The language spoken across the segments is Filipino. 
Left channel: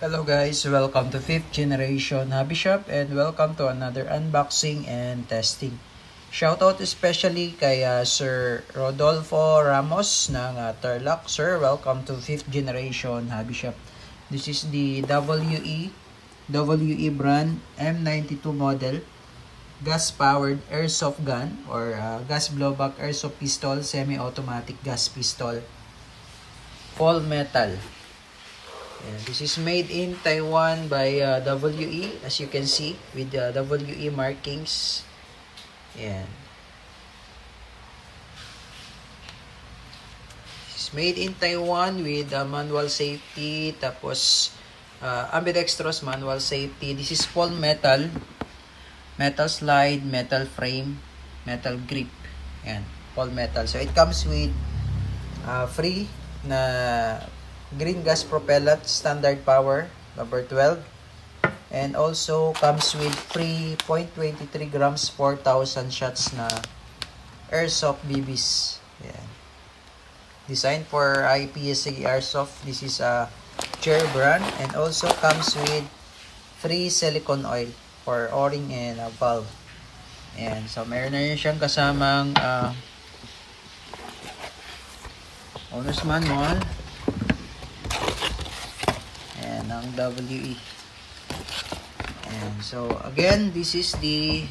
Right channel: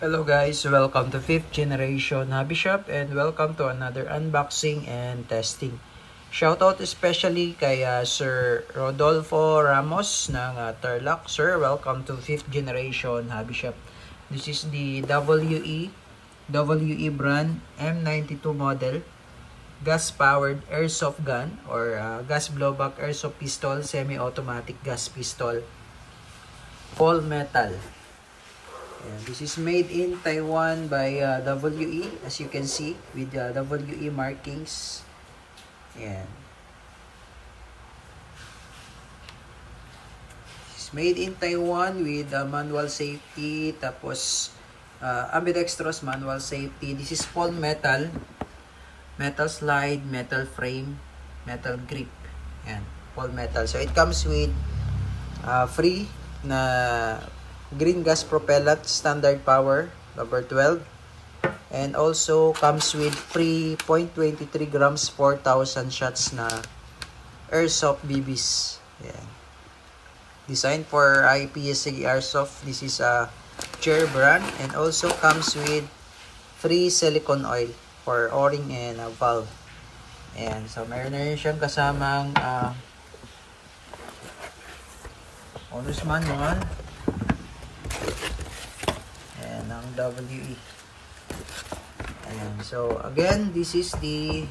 Hello guys, welcome to 5th generation hobby shop and welcome to another unboxing and testing. Shoutout especially kay Sir Rodolfo Ramos ng Tarlac. Sir, welcome to 5th generation hobby shop. This is the WE brand M92 model gas powered airsoft gun or gas blowback airsoft pistol, semi-automatic gas pistol, all metal. And this is made in Taiwan by WE, as you can see with the WE markings. Ayan. It's made in Taiwan with manual safety, tapos ambidextrous manual safety. This is full metal, metal slide, metal frame, metal grip. Ayan, full metal. So it comes with free na green gas propellant, standard power, number 12. And also comes with free 0.23 grams, 4,000 shots na airsoft BBs. Yeah. Designed for IPSC airsoft. This is a Chair brand. And also comes with free silicone oil for o-ring and valve. And so meron na rin siyang kasamang owner's manual and ang WE. And so again, this is the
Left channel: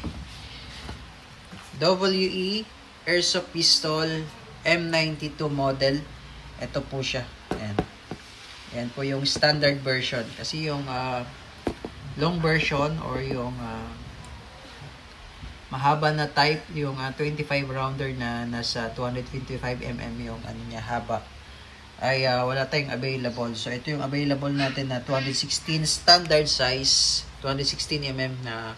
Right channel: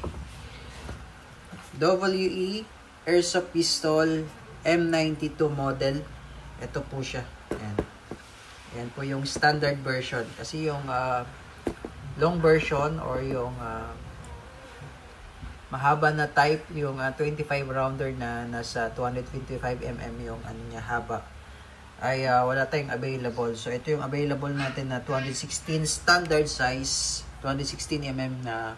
WE airsoft pistol M92 model. Ito po siya. Ayan. Yan po yung standard version. Kasi yung long version or yung mahaba na type, yung 25 rounder na nasa 225mm yung ano niya, haba, ay wala tayong available. So ito yung available natin na 216 standard size, 216mm na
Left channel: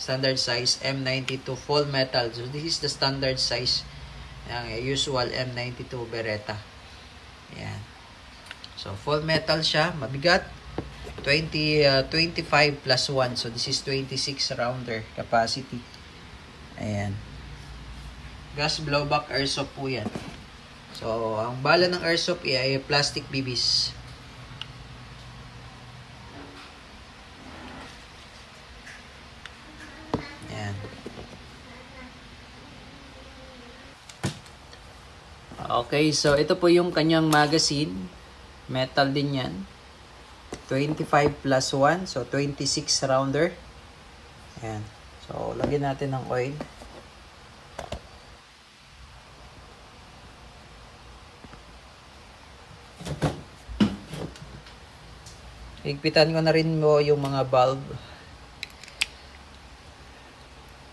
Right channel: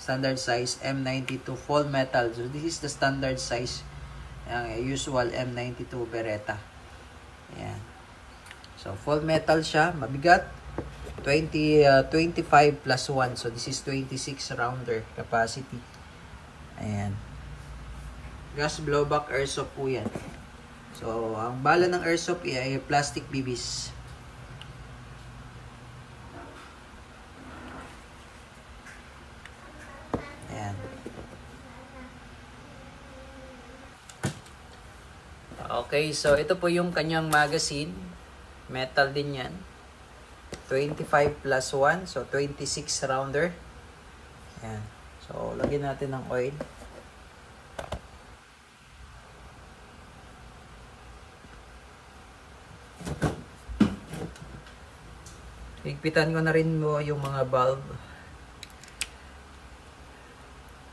standard size M92 full metal. So this is the standard size, yung usual M92 Beretta. Ayan. So full metal siya, mabigat, 25 plus 1. So this is 26 rounder capacity. Ayan. Gas blowback airsoft po yan. So, ang bala ng airsoft ay plastic BBs. Ayan. Okay, so ito po yung kanyang magazine. Metal din yan. 25 plus 1. So, 26 rounder. Ayan. So, lagyan natin ng oil. Higpitan ko na rin mo yung mga valve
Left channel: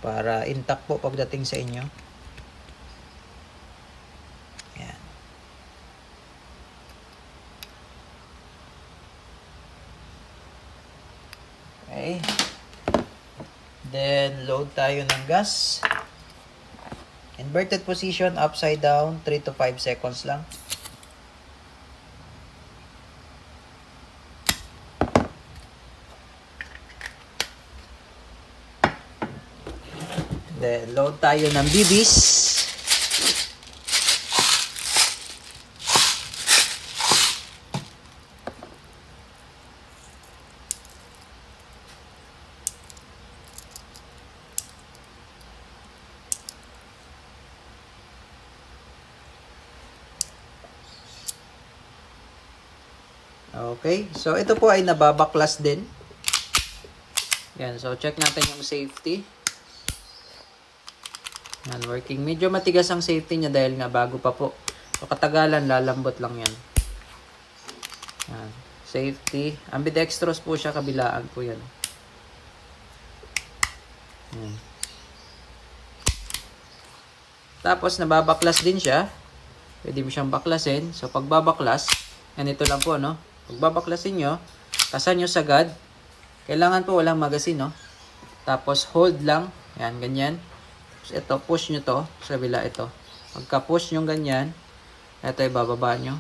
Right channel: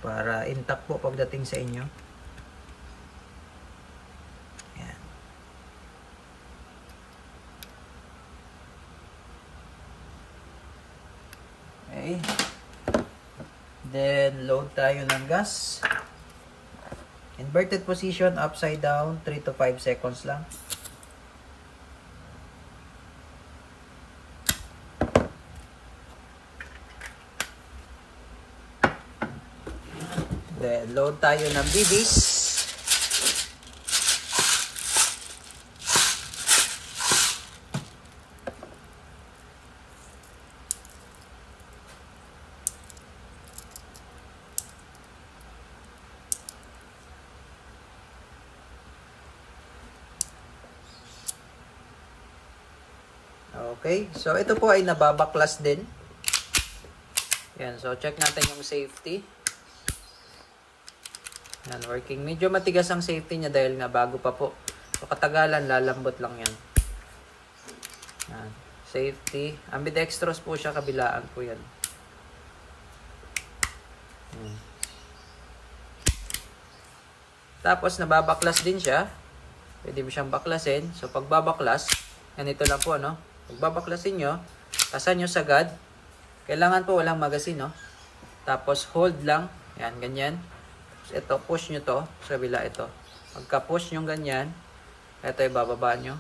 para intact po pagdating sa inyo. Ayan. Okay. Then load tayo ng gas. Inverted position, upside down, 3 to 5 seconds lang. Then, load tayo ng BBs. Okay, so ito po ay nababaklas din. Yan, so check natin yung safety. Yan, working. Medyo matigas ang safety niya dahil nga bago pa po. So, katagalan, lalambot lang yan. Yan. Safety. Ambidextrous po siya, kabilaan po yan. Yan. Tapos, nababaklas din siya. Pwede mo siyang baklasin. So, pagbabaklas, ganito lang po, no? Pagbabaklasin nyo, tasan nyo sagad. Kailangan po walang magazine, no? Tapos, hold lang. Yan, ganyan. Ito, push nyo to sa kabila ito. Pagka-push nyo ganyan, ito ibababa nyo.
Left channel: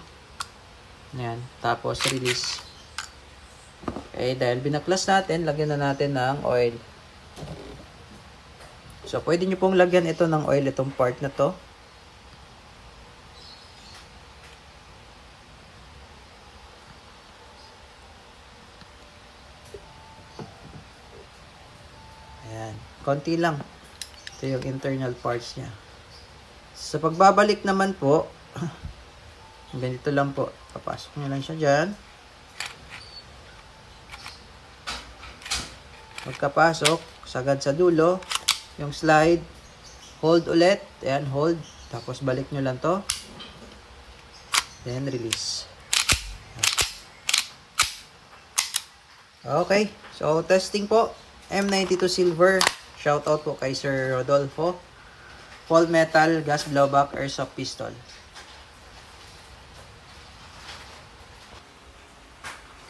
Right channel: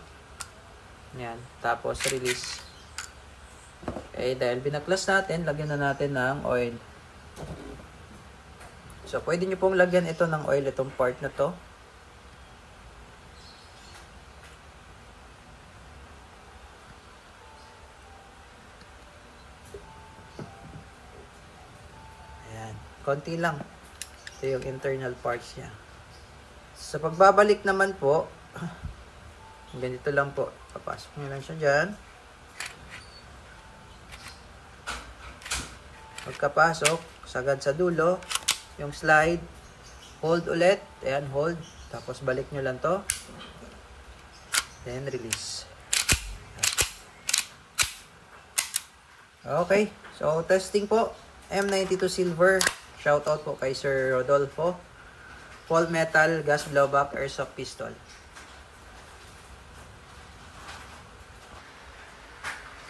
Yan. Tapos, release. Okay, dahil binaklas natin, lagyan na natin ng oil. So, pwede nyo pong lagyan ito ng oil, itong part na to. Konti lang. Ito yung internal parts niya. Sa pagbabalik naman po, ganito lang po. Papasok nyo lang siya dyan. Pagkapasok, sagad sa dulo, yung slide, hold ulit. Ayan, hold. Tapos balik nyo lang to. Then release. Okay. So, testing po. M92 Silver. Shoutout po kay Sir Rodolfo. Full metal, gas blowback, airsoft pistol.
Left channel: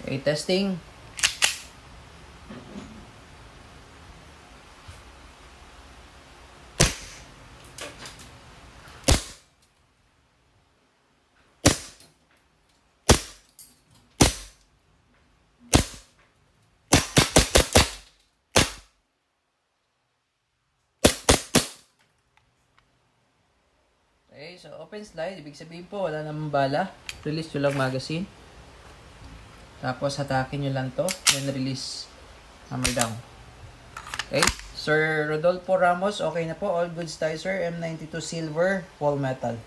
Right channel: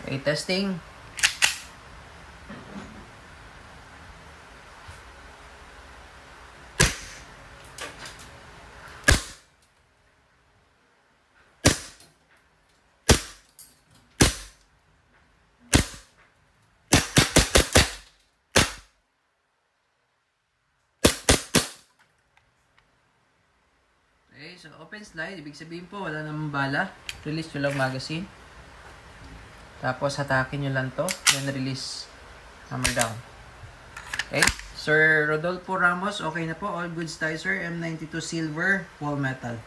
Okay, testing. Okay, so open slide, ibig sabihin po wala namang bala. Release nyo lang magazine. Tapos hatakin nyo lang to, then release, hammer down. Okay, Sir Rodolfo Ramos, okay na po, all goods tayo sir. M92 Silver, full metal.